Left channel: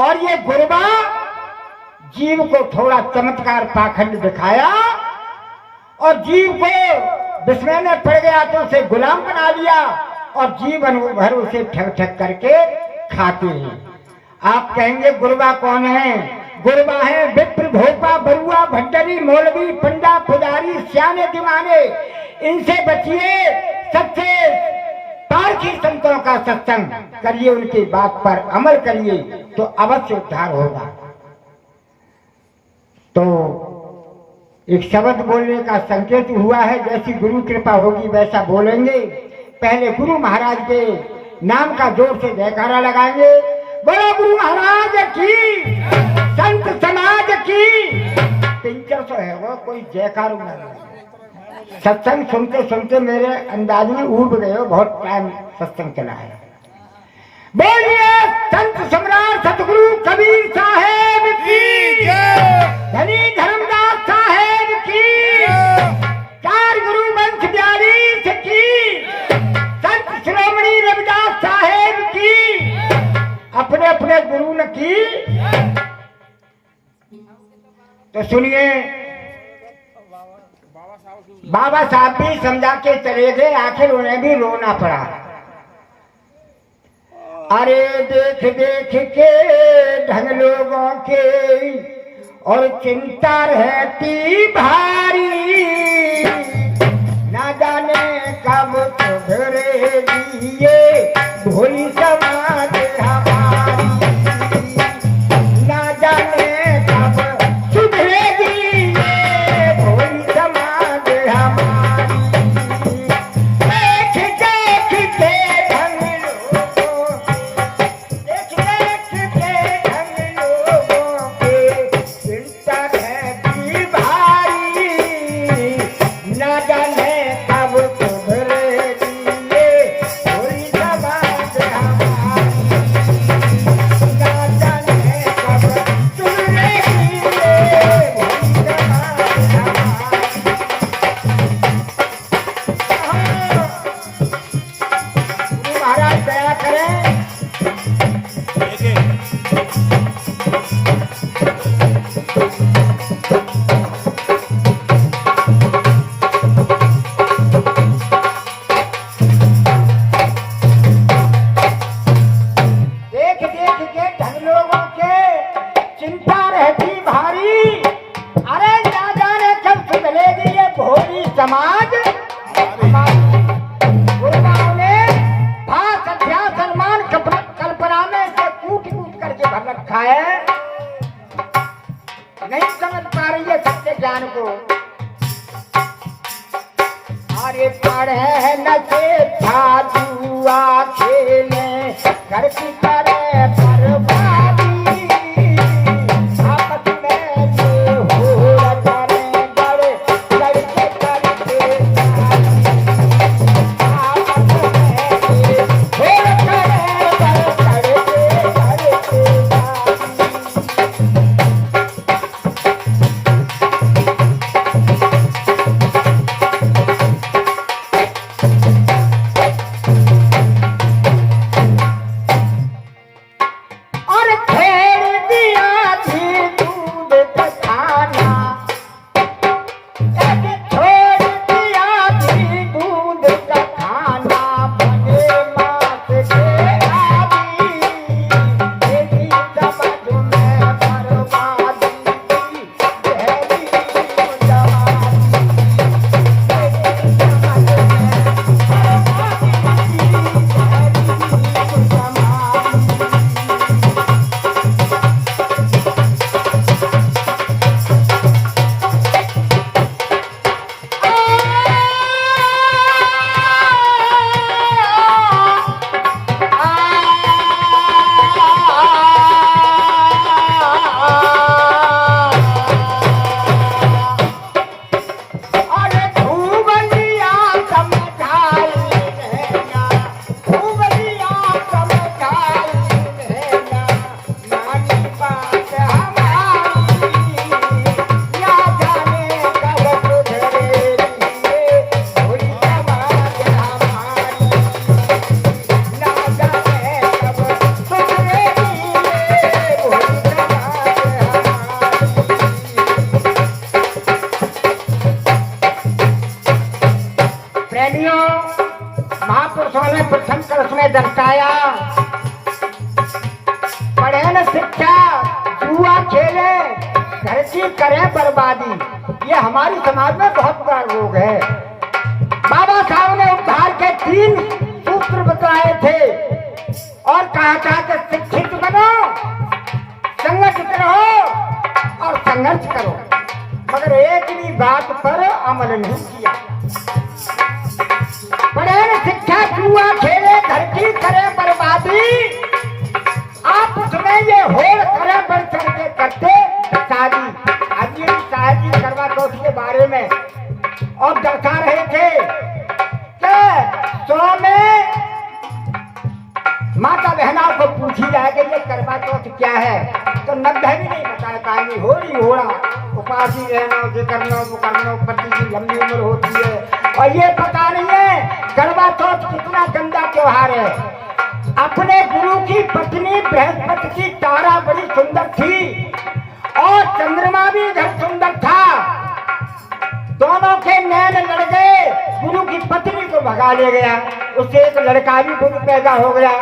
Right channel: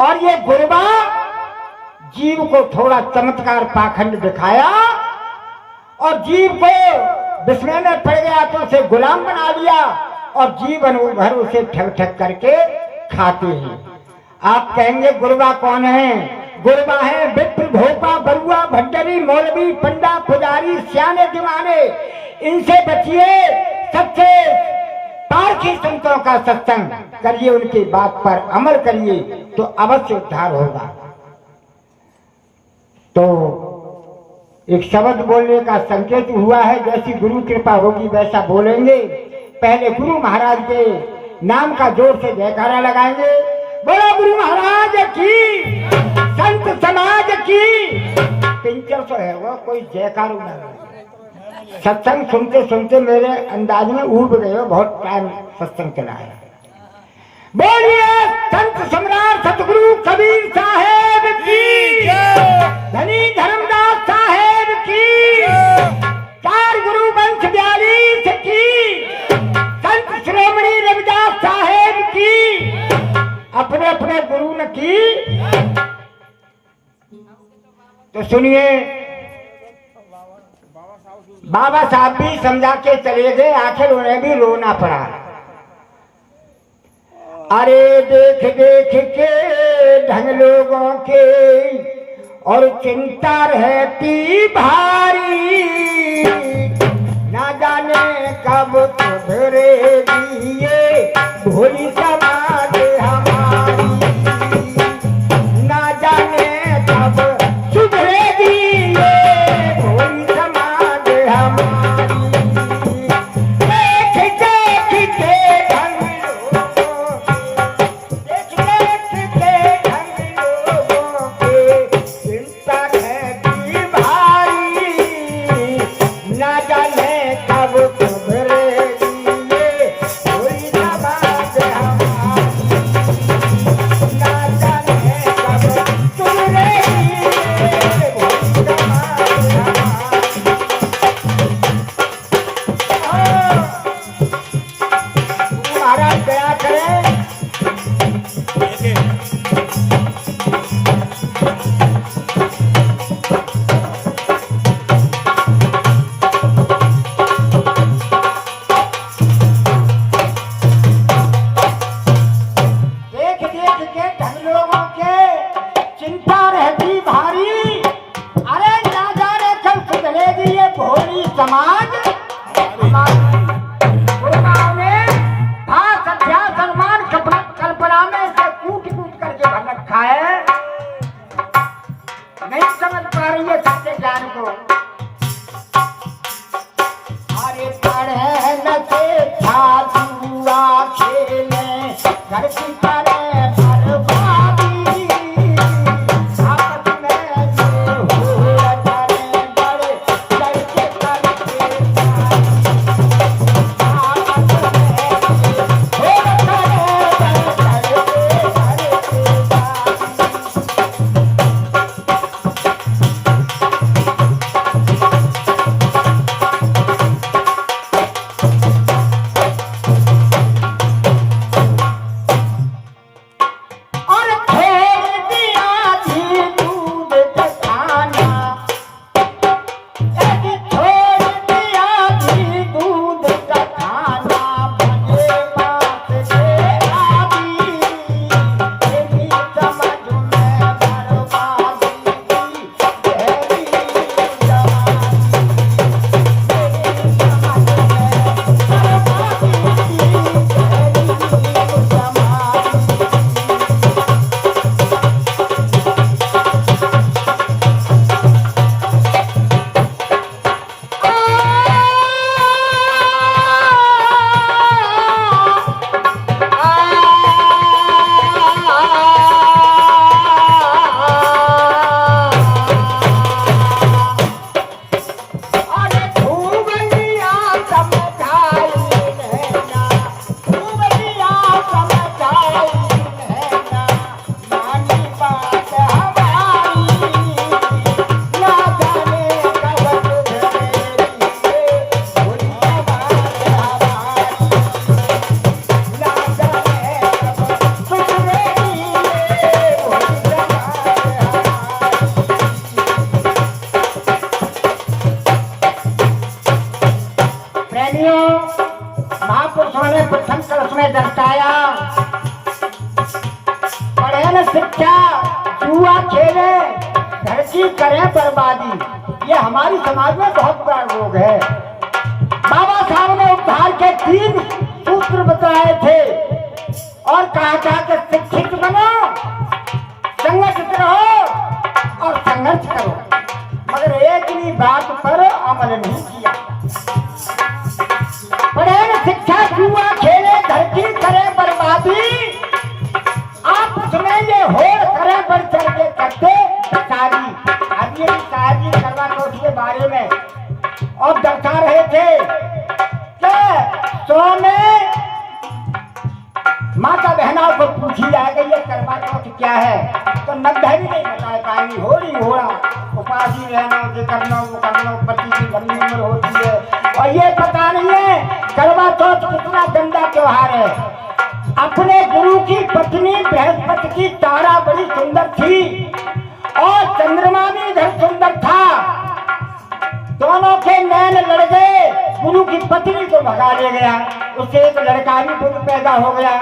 और ये गुरुबा जीव को थोड़ा चमत्कार पाखंड दिखाया और जीव को विस्मय में पड़ गया तो उसे गुलाम बना लिया और जीवन भर उसे ठग ठग करके खाते हैं। आप कहेंगे गुरुबा कौन है? गुरुबा है विप्र, भोपा, बरुआ, भंडरी, मौलवी, पंडा, पुजारी, सियाने दीवाने। इनसे बचिए, सच्चे पारखी संतों का सत्संग करिए, उनकी बात पर अमल करिए तो अवश्य उद्धार होगा। तो एक शब्द बोलने का संकेत हुआ है, जैसी गुरु कृपा होगी वैसा बोलेंगे। पहले गुरु महाराज के नाम का जोर से जयकारा लगाएंगे। बोलो गुरु महाराज की, संत समाज की। पिंचर तो है वो, कोई जयकार नहीं। सत्संग सुनते सुनते मेरे अंदाज में उब गए हो, बहुत टाइम सत्संग चला है। बोलिए संत सम्राट सतगुरु कबीर साहेब की, धनी धर्मदास साहेब की, चार गुरु वंश 42 की, संत श्रोमणी रविदास साहेब की, अपने अपने गुरु ने की। तो सुनिए, बाबा साहब भी समझा के चले गए, आखिर उन्हें भी रोना पड़ा। अरे देख देख के ढंग लोगों के और चिंता रहती भारी, ना जाने कब सुधरेगी ये भोली समाज हमारी, ना जाने कब सुधरेगी ये भोली समाज हमारी। देख देख के ढंग लोगों, देख देख के ढंग लोगों के चिंता रहती भारी, ना जाने कब सुधरेगी ये भोली समाज हमारी, ना जाने कब सुधरेगी ये भोली समाज हमारी। गुरु महाराज दया करें। देख देख के ढंग लोगों के चिंता रहती भारी, अरे ना जाने कब सुधरेगी ये भोली समाज हमारी। गुरुनाम ने भाष अध्यास सम्मान कल्पना में से कूट कूट करके भर रखा है, नहीं समझ पा रही है सत्य ज्ञान को। अरे पढ़े न से जुआ खेले, घर की करे बर्बादी, आपस में जो हो करे बड़े लड़के करके, आपस में हो करे शिक्षा जुआ खेले घर की करें बर्बादी, ये हमारी समाज में बहुत बड़ा रोग है। बाबा साहब ने उद्धार के 3 सूत्र बताए थे और कहा था कि शिक्षित बनो, संगठित रहो और संघर्ष करो, मगर एक ही बात पर अमल नहीं किया। पढ़े शिक्षा जुआ खेले घर की करें बर्बादी, आप उसमें ये होड़ करें बढ़ चढ़ के करते शादी। आज ये शायद जी करवा चौथ के बारे में और दर्शा रहे थे क्या 100 में माता बहनों को पूछी जाए कि ये करवा चौथ क्या है, तो 90 भी नहीं बता पाएंगी। हो रही हो रहा उपासी रहना करना पति की लंबी उम्र होती है, और ये पता नहीं है करवा चौथ कितना गंदा त्योहार है। अपने गुरु की पत्नी बृहस्पति की तारा बड़ी सुंदर थी और चंद्रमा भी घर सुंदर था, दोनों के नैन लड़ गए, गुरु की पत्नी को भगा ले गया, उससे एक लड़का भी खुद पैदा हो गया।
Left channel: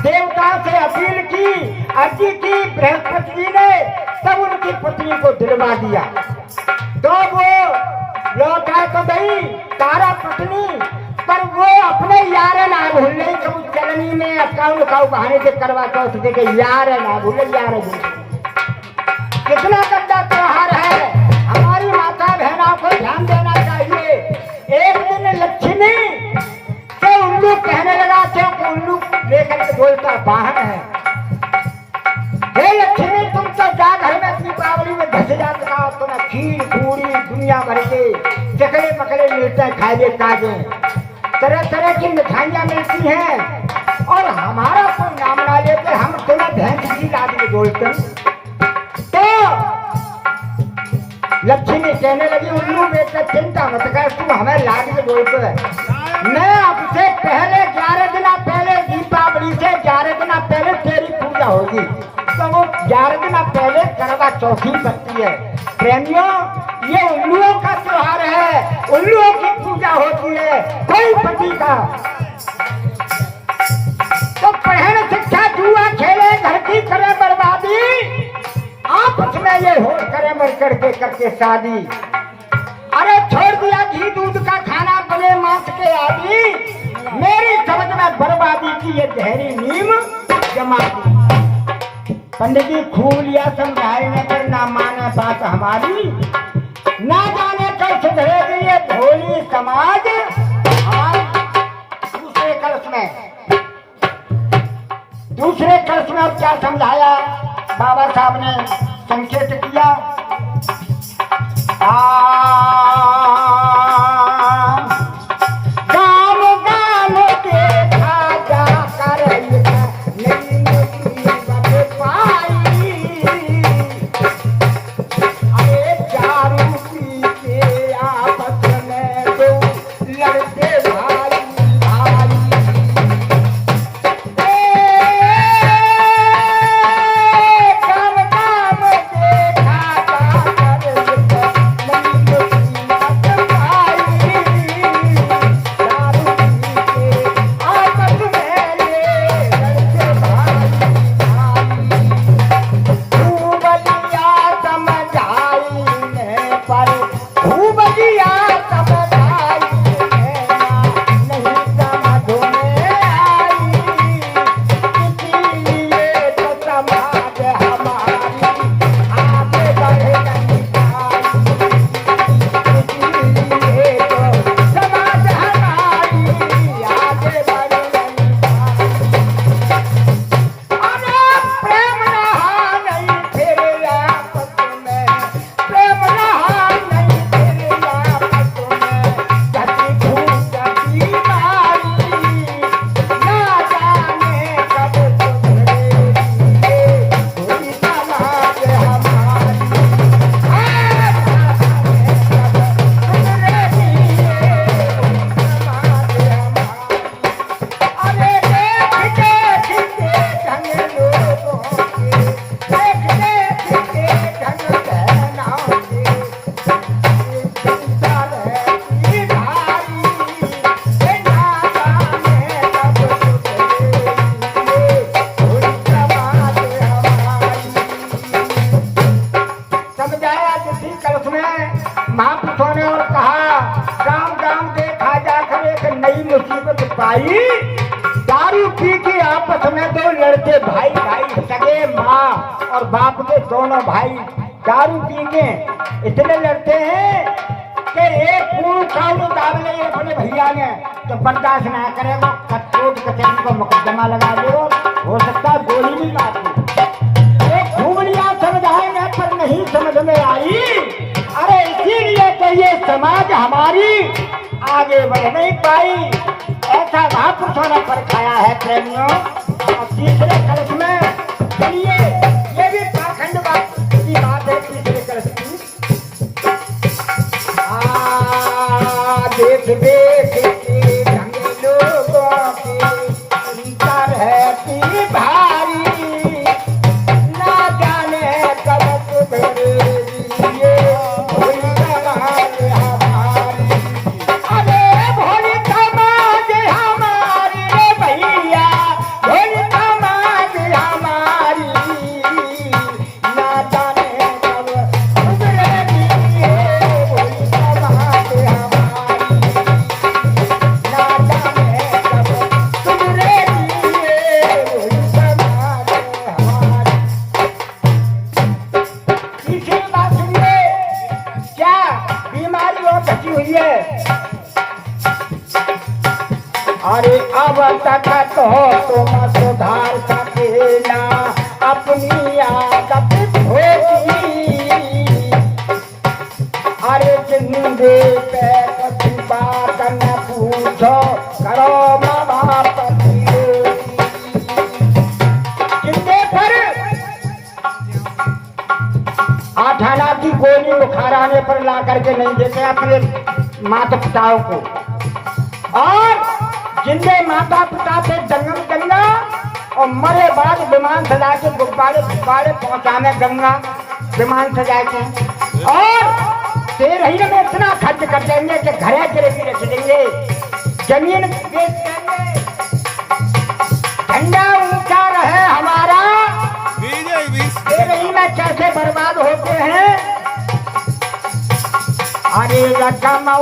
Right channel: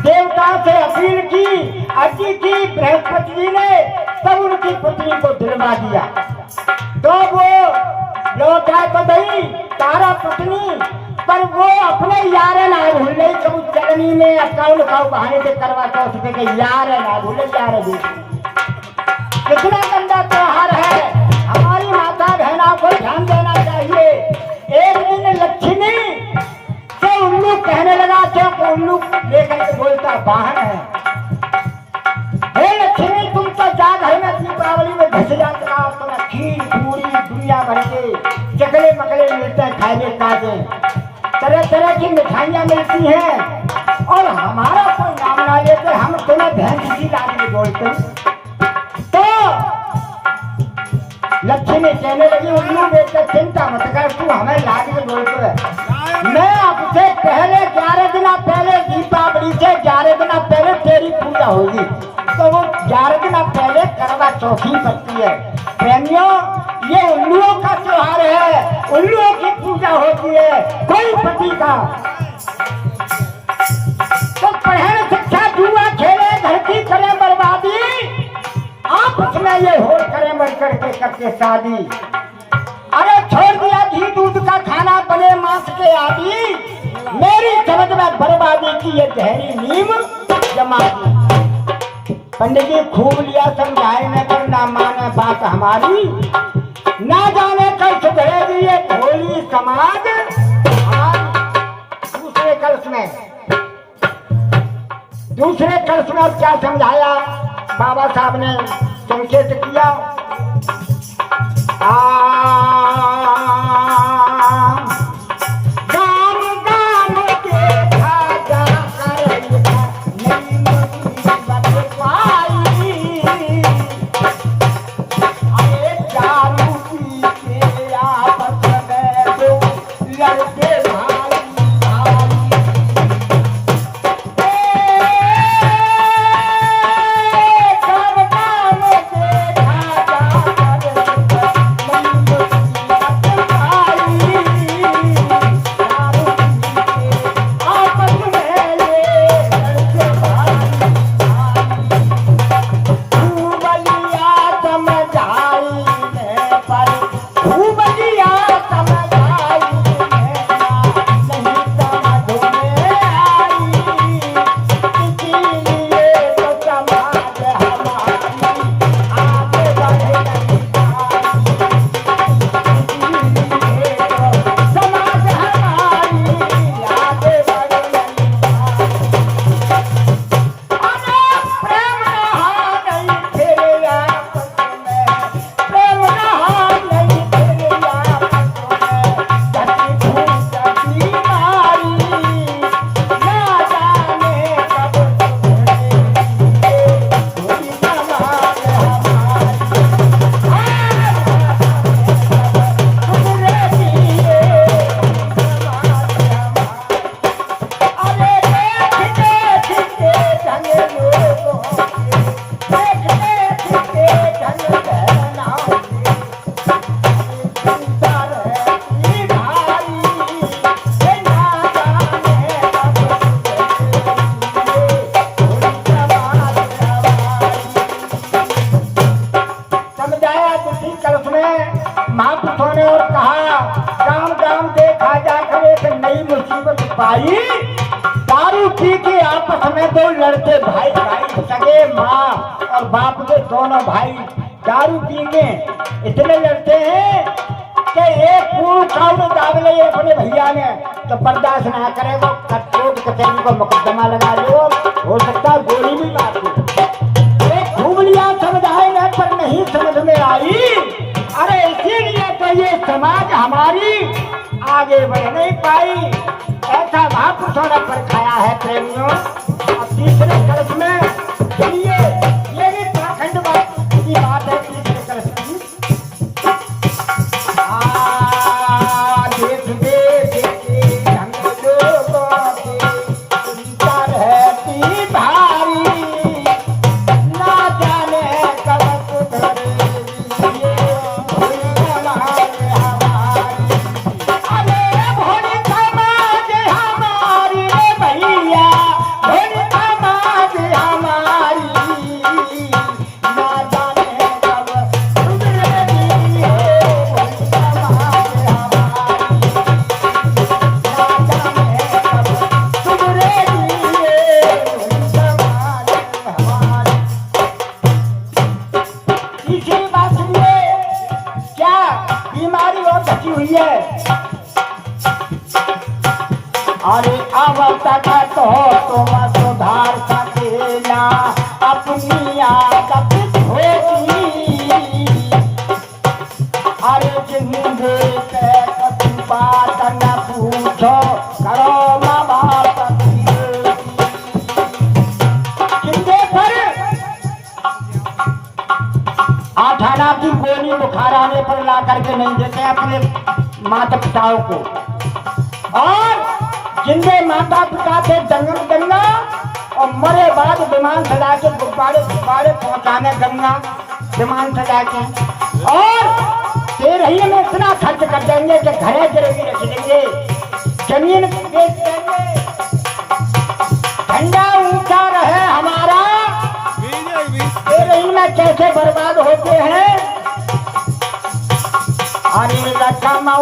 देवता से अपील की, अर्जी की बृहस्पति जी ने, तब उनकी पत्नी को दिलवा दिया। तो वो लौटा तो गई तारा पत्नी, पर वो अपने यार ना भूले, कभी चलनी में अकाउंट बहाने से करवा चौथ देखे यार ना भूले, यार भूले। कितना गंदा त्योहार है, हमारी माता बहनों को ध्यान देना चाहिए। एक दिन लक्ष्मी से उल्लू कहने लगा, क्योंकि उल्लू लेकर के बोलता वाहन है, हे लक्ष्मी तुम तो जा घर में दीपावली में घस जाते हो, तुम्हें खीर पूरी दुनिया भर के चकले मकले मिलते हैं, खाए काजे तरह तरह की मिठाइयाँ मिलती हैं, और हमारा कोई नाम ना लेते, हम तुम्हें बहन किसी लाद में बोलते हैं। तो लक्ष्मी कहने लगी उल्लू बेटा चिंता मत कर, तू हमें लाद के बोलते है, मैं आपसे पहले 11 दिन पहले दीपावली से 11 दिन पहले तेरी पूजा होगी। तो वो 11 दिन पहले करवा चौथी पड़ती है। प्रेमियों, ये उल्लुओं का त्योहार है, उल्लुओं की पूजा होती है, कोई पति का। तो पहले शिक्षा जुआ खेले घर की करें बर्बादी, आप उसमें ये हो करें मर करके करके शादी। अरे छोड़ दिया घी दूध का खाना, बने मांस के आदि, मेरी समझ में बर्बादी की ये गहरी नींव जमा। पंडित जी खूब लिया समझाए न कर, ना माने बात हमारी, ना जाने कल सुधरेगी ये भोली समाज। दूसरे कल्स में अब क्या समझाया बाबा साहब ने, संकेत किया, बाप और बाप के दोनों भाई दारू पी के इतने लड़ते हैं कि एक पूर्ण कानून दाब ले अपने भैया ने तो बर्दाश्त ना करे वो कचहरी को मुकदमा लगा दियो, हो सकता है गोली भी मार दो। एक घूमलियां समझाएंगे पर नहीं समझ में आई। अरे इसीलिए तो ये समाज हमारी आगे बढ़ नहीं पाई, ऐसा महापुरुषों ने परखाया है प्रेमियों। तीसरे कलश में ये भी पाखंडवाद की बात है। तीसरे कलश की देख देख के लोगों की रहती भारी, ना जाने कब करेगी ये अरे अब तक तो तुम सुधार सके ना अपनी आदत होगी। अरे जिंदे पे कुछ बात न पूछो, करो महाभारत की जिंदे पर 8 आना की गोली बुखार आने पर ला करके नहीं देते अपने माता पिताओं को, और जिनके माता पिता थे गंगा और मरे बाद विमान सजा के गुब्बारे गुब्बारे पहुंचाने गंगा विमान सजा के, और 13 में इतना खर्च कर देंगे कि घरे गिरवी रख देंगे, जमीन बेच देंगे, झंडा ऊंचा रहे हमारा। 13 में कैसे बर्बाद होते हैं। अरे रकम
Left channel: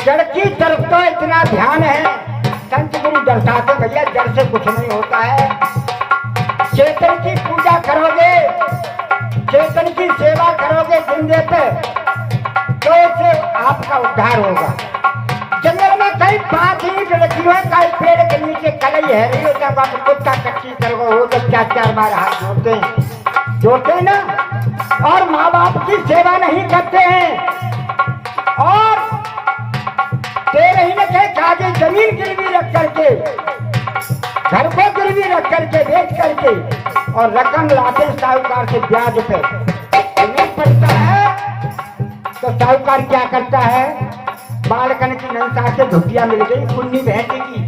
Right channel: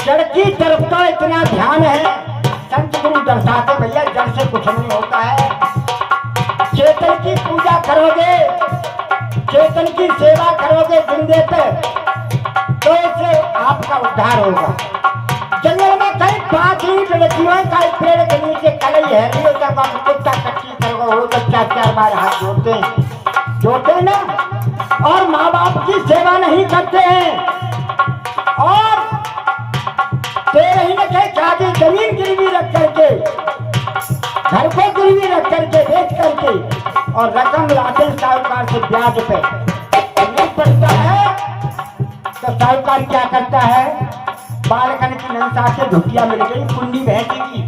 जड़ की तरफ तो इतना ध्यान है, संत गुरु दर्शाते भैया जड़ से कुछ नहीं होता है। चेतन की पूजा करोगे, चेतन की सेवा करोगे जिंदे पे, तो इससे आपका उद्धार होगा। जंगल में कई 5 ईंट लकीरों का पेड़ के नीचे कलई है, नहीं होता बात कुत्ता कच्ची करो हो तो 4-4 बार हाथ जोड़ते हैं ना, और माँ बाप की सेवा नहीं करते हैं, और 13 में काजी जमीन गिरवी रख करके, घर पे गिरवी रख करके बेच करके, और रकम लाते साहूकार से ब्याज पे नहीं पड़ता है, तो साहूकार क्या करता है, बालकन की नंसा से धुटिया मिल गई कुन्नी बहने की,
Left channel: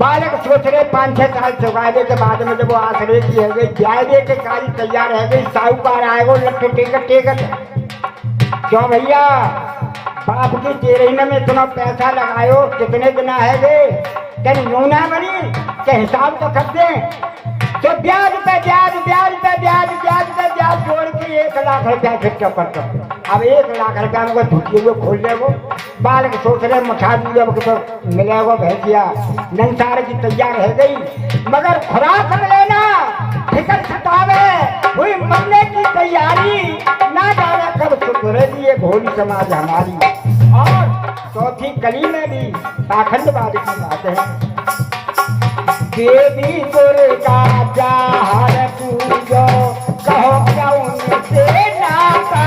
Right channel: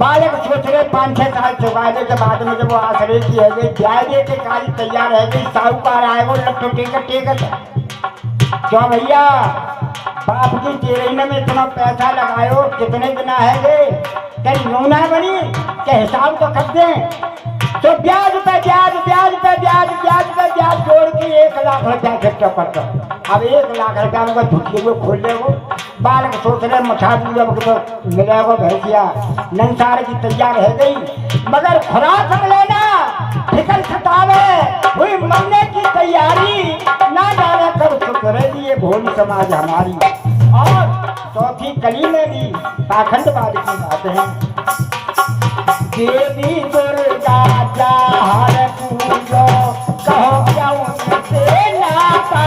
बालक सोच रहे 5-6 साल चुकाने के बाद में जब वो आसरे की हो गई ब्याजे के काली तैयार रह गई साहूकार आएगा लट्टू टेकत टेकत क्यों भैया बाप की तेरहीने में इतना पैसा लगायो कितने बिना है गे कहीं नूना बनी के हिसाब तो कर दे तो ब्याज पे ब्याज ब्याज पे ब्याज ब्याज पे ब्याज जोड़ के 1 लाख रुपया खर्चा करता अब 1 लाख रुपया वो धुकी वो खोल ले वो बालक सोच रहे मुठा दिया मिलेगा भैंसिया नंसार की तैयार है गई मगर खुराक हम लेना फिकर सतावे हुई मरने की तैयारी ना जाने कब सुधरेगी ये भोली समाज हमारी। और चौथी कली में भी पाखंडवाद की बात है देवी दुर्गा जहाँ पूजो कहो से नाता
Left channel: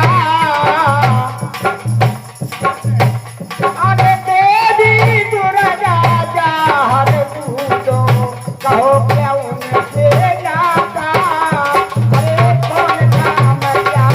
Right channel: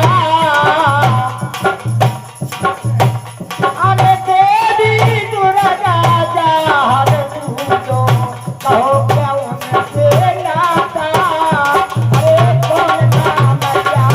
अरे देवी दुर्गा जहाँ पूजो कहो से नाता ये कौन काम क्या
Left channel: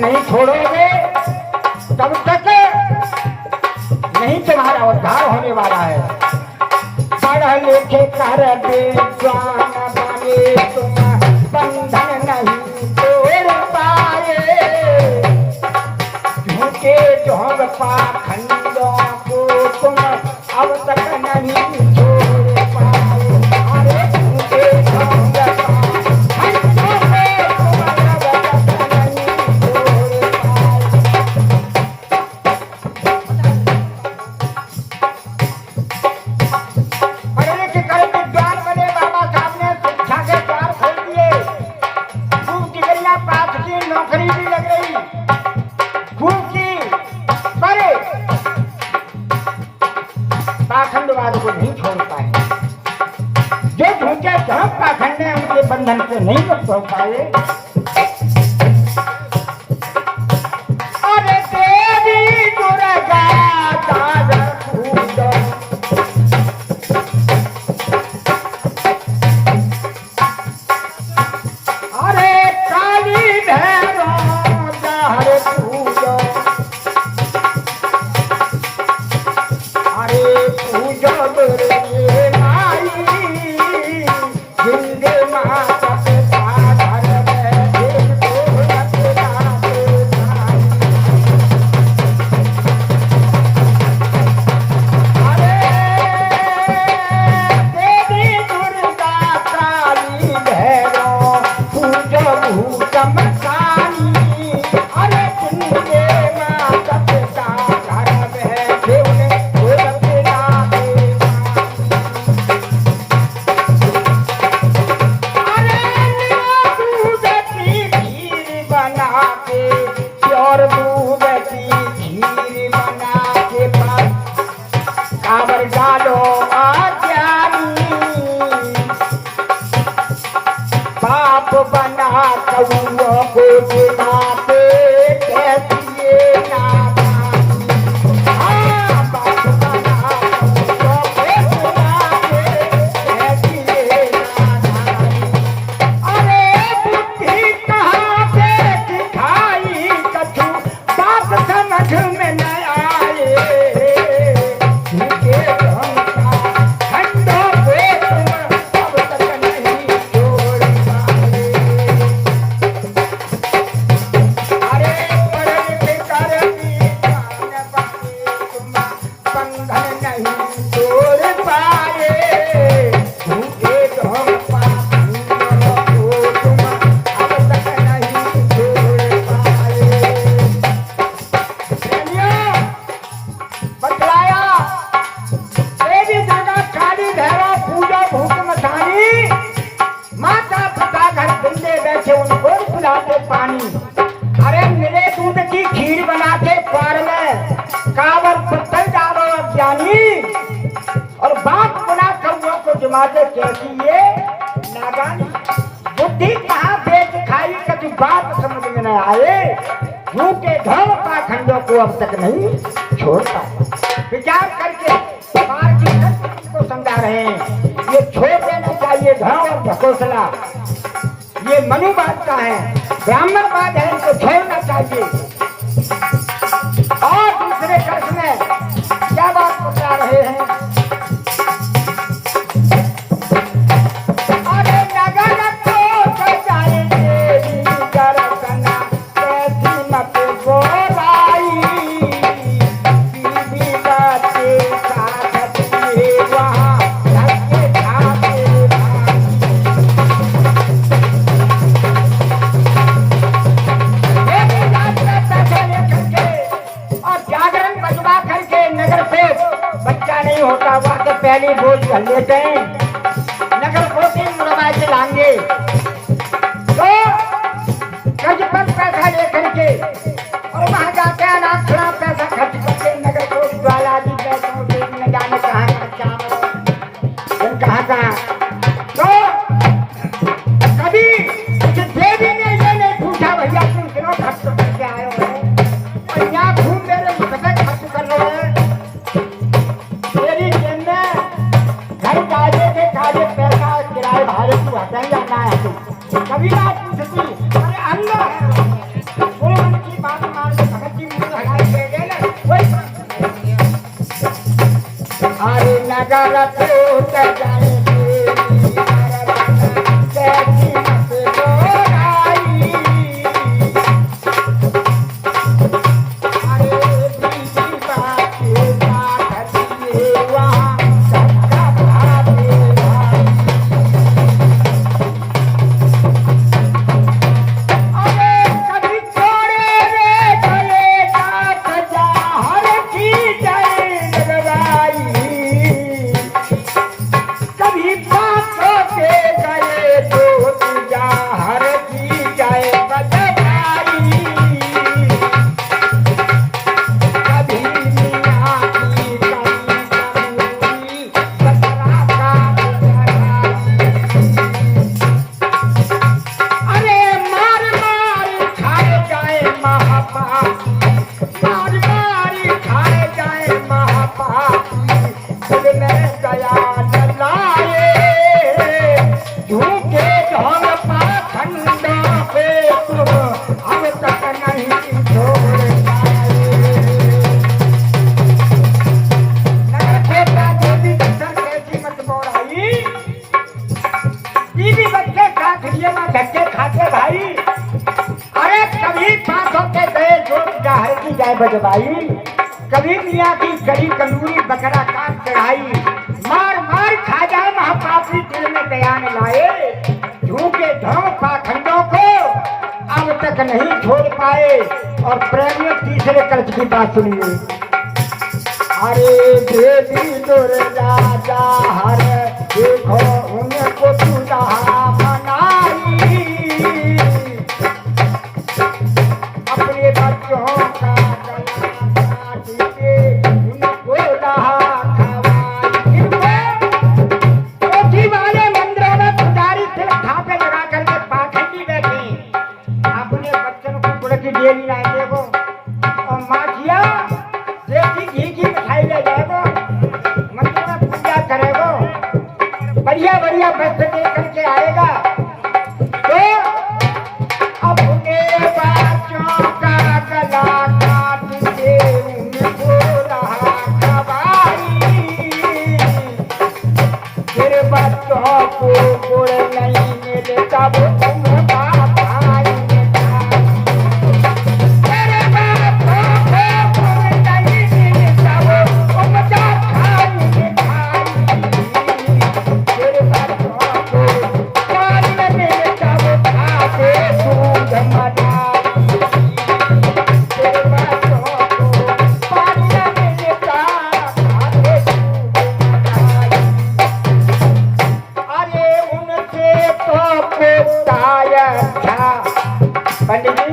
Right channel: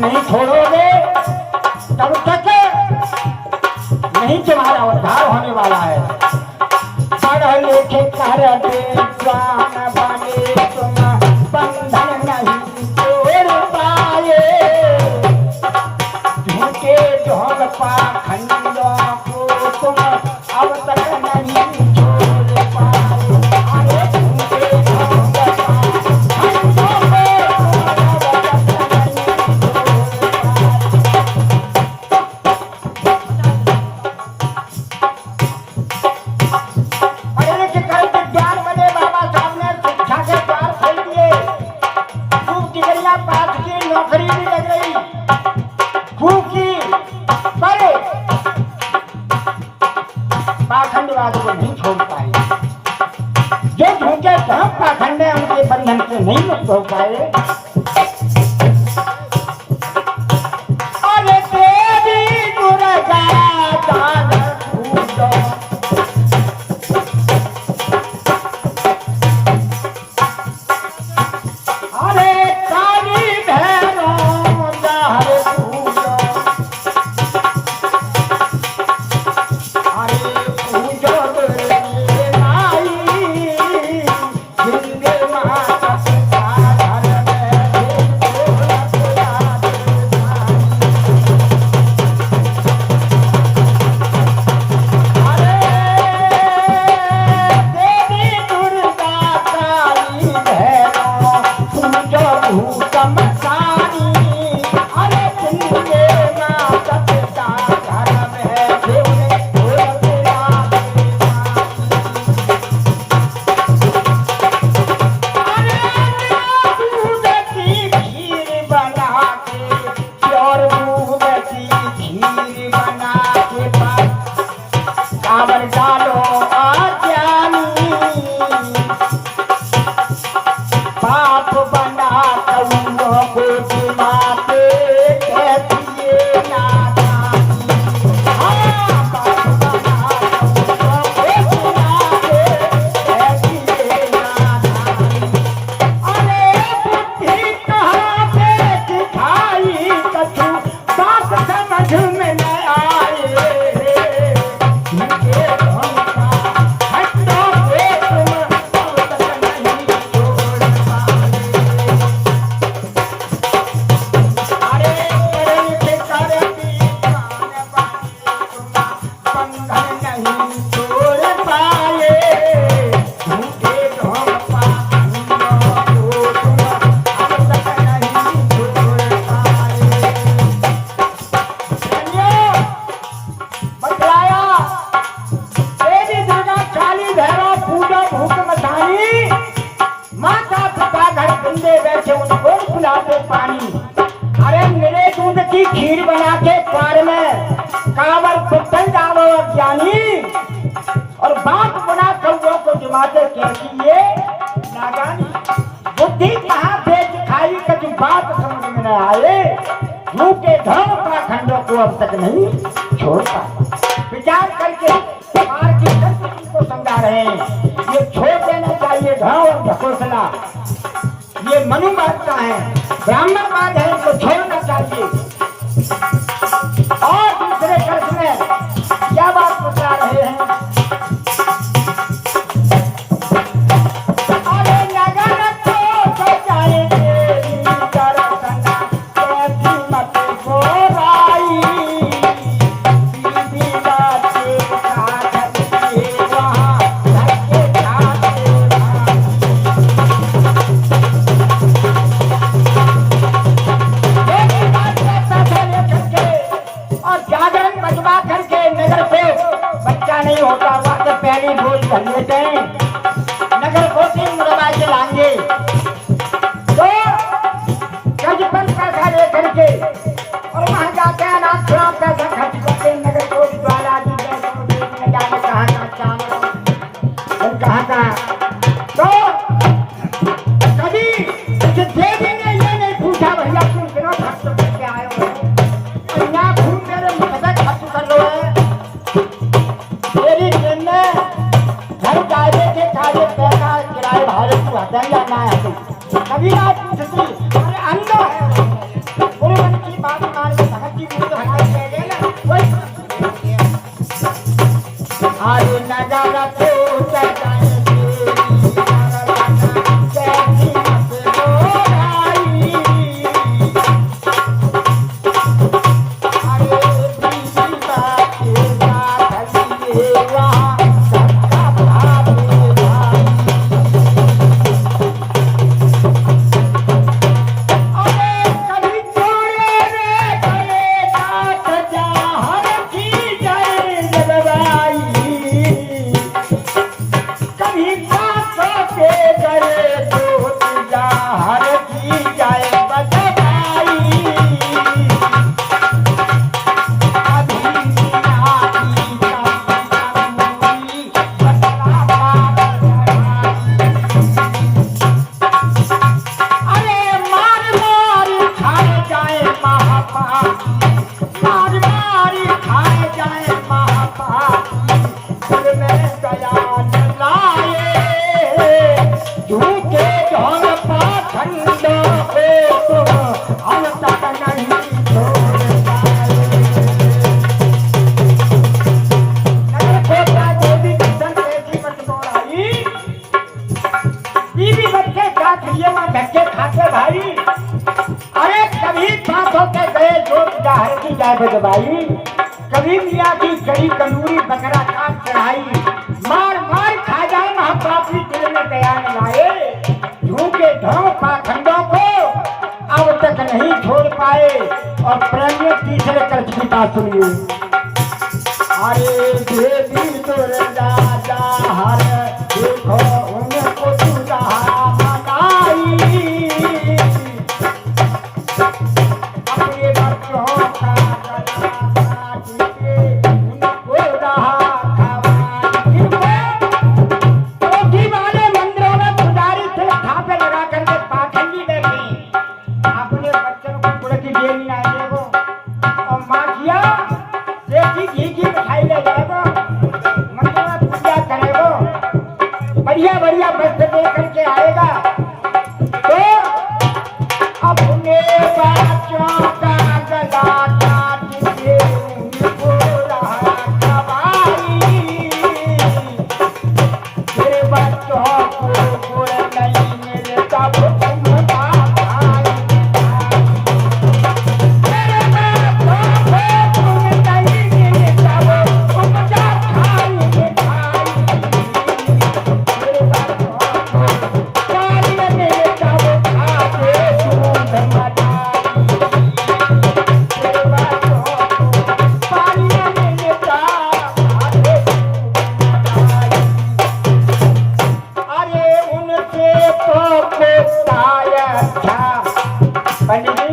नहीं छोड़ोगे तब तक नहीं तुम्हारा उद्धार होने वाला है। पढ़ लिखे कर विद्वान बने तुम बंधन नहीं तोड़ पाए झूठे ढोंग पाखंडियों को तुम अब तक नहीं छोड़ पाए। झूठे ढोंग पाखंड है उनके बंधन से नहीं मुक्त हो पाए। अरे देवी दुर्गा अरे काली भैरव जहर पूजो अरे पूजो डालो आज्ञा गौरों को दिमाते कहती नादानी। खीर बना के प्यार में कावर पत्थर डालो ज्ञानी और बात बना कर वो को जमाते कैसी ये नादानी। बुद्धि कहाँ बेच खाई का तू बात समझ में न आए, मुंह के धर्म का खंडों को अब तक नहीं छोड़ता। विचार करके बाहर की संस्कृति को समझा रहे हैं, ये छोड़ देना चाहिए धर्म और भटोसला। ये मनुवादता है, ब्राह्मणवाद है, इनको छोड़ना चाहिए। और दूसरे कर्ज में क्या बात बता रहे हैं? अरे नगर को जाएंगे दर्शन कैसी मत गोराई, बीबी बाते साथ में वहाँ लगे पहली बोझ लेते हैं नगर कोटी मुरबा के लाएंगे तो गज पर पैसा लेकर के और वहां जाते हैं ना थोड़ा पैसा खर्च करके नगर कोटी वाला भी न जाने कहाँ का तो कभी मुझे दे देंगे ये नहीं पूछा भैया तुम कितना खर्च करके आए हो, यहाँ घूम मेरे मुझसे खर्च कर रहे हैं तेरी कभी ना पूछती अरे अन्य है कोई मन की बात मान सकती नहीं तो हाथ दे गए ना कोई अरे नगर को जाए कैसी मत गोराई, अरे बीबी बाते साथ दिए यहाँ कभी मियाँ की गरी कमजोरी बकरा काट चढ़ाई, मार मार खा जाए महापापी दिल में दया न लाए, झूठे धर्म पाखंडों को अब तक नहीं छोड़ पाए। और प्रेम तीसरे कर्ज की बात सुनिए, अरे देवी दुर्गा जा हर देखो उनको पूजा मनाई, अपने बच्चों का की डेली ना देगो और माखिया देसी घी की मिठाई ले जाएगो, मंदिर में पूजा करेगो, बढ़िया बढ़िया वस्त्र दे करके आएगा। तो अपने बच्चों का गला काट के उनको रहा खवाई, तेरे बच्चों को गुड़ नहीं मिलता वो तुम पंडित